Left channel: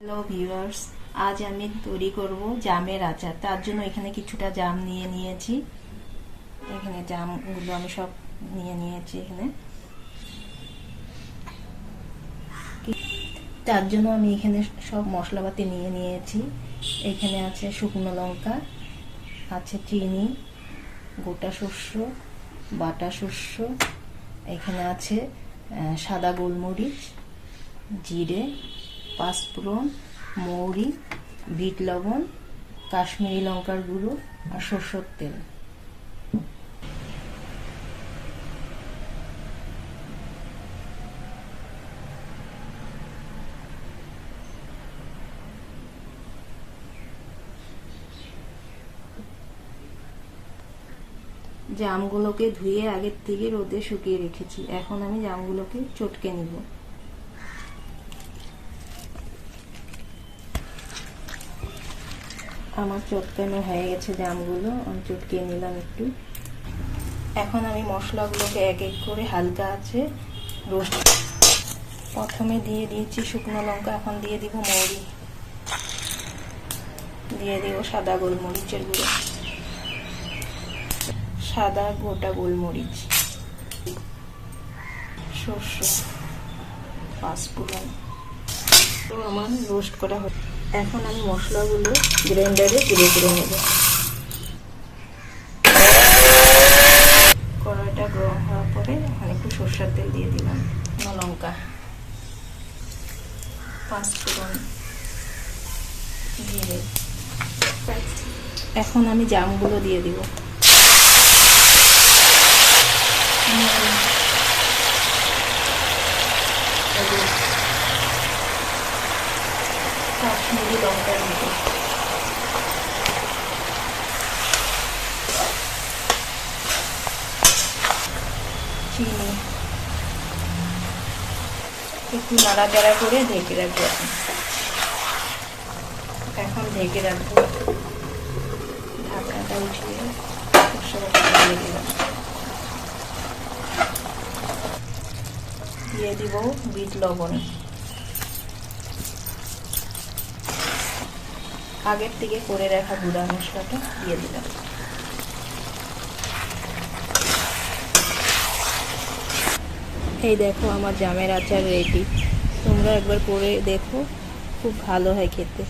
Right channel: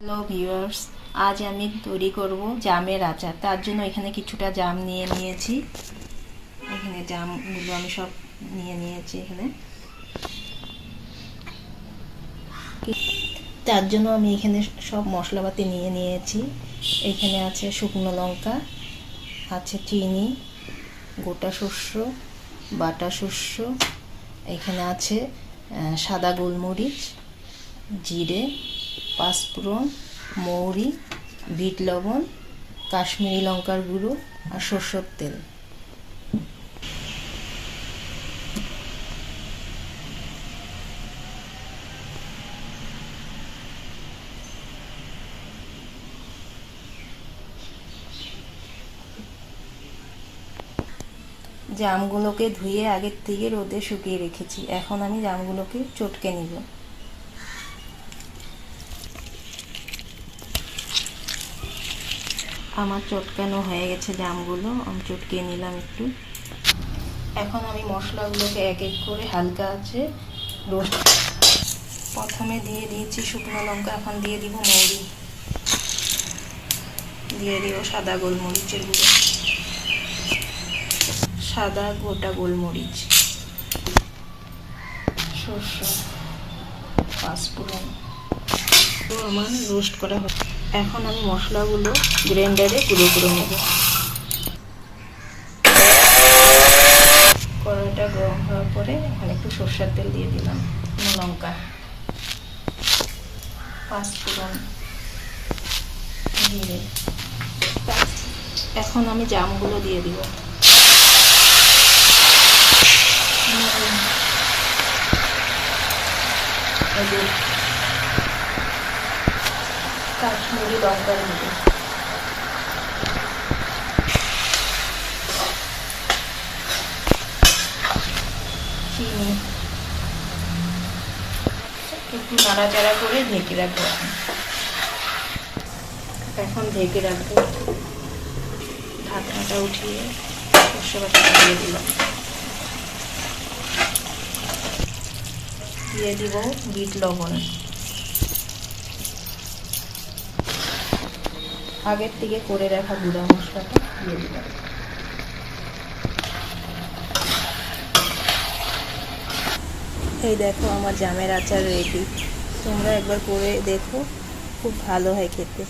Hello viewers আজ আমি তৈরি করব জামের আচার। তার জন্য এখানে কিছুটা জাম নিয়ে নিয়েছি। এখানে জামগুলো আমি সব নিয়ে নিয়েছি এখানে। তার জন্য আমি এখানে সব মশলাপাতি নিয়ে নিয়েছি। এখানে আছে শুকনো লঙ্কা, আছে চিনি, গোটা শস্য, বাটা শস্য, এখানে আছে সাদা গোলমরিচ, জিরে পাঁচফোড়ন, মৌরি, বিট লবণ, কাশ্মীরি লঙ্কার গুঁড়ো আর সর্ষের তেল। জামগুলোকে ধুয়ে আগের থেকে রোদে শুকিয়ে রেখেছি। এখন আমি জামগুলোকে চটকে নিব। আমার চটকানো হয়ে গেছে জামগুলো? আমি চটকিয়ে নিলাম একটু। এখন আমি মশলাগুলোকে এক এক করে হালকা আছে রোস্ট। প্রথমে দিয়ে দিয়েছি শুকনো লঙ্কা, এখন দিয়ে দিব মৌরি। দিয়ে দিব সাদা গোলমরিচের গুঁড়ো। সাদা গোটা গোলমরিচ। শস্য পাঁচফোড়ন তো আমার রোস্ট করা হচ্ছে। এখন আমি মশলাগুলো গ্রাইন্ডারে গুঁড়ো করে নেব। কড়াইটা গরম হওয়ার পরে এখন একটু সর্ষের তেল দিয়ে দিলাম লঙ্কা। পাঁচফোড়ন জিরে। এখন আমি জামগুলো দিয়ে দিব। কাশ্মীরি লঙ্কার মতো চিনি। একটু নাড়াচাড়া করে ঢেকে রাখব এখন। ঢেকে রাখব। ঢাকনাটা উঠিয়ে দিয়ে দিলাম। দিয়ে দিব বিট লবণ। আগের থেকে করে রাখা গুঁড়া মশলাটা দিয়ে দেবেন এই দেখো আমার জামের আচার রেডি তোমরা একবার করে দেখো, খুব ভালো হয় খেতে।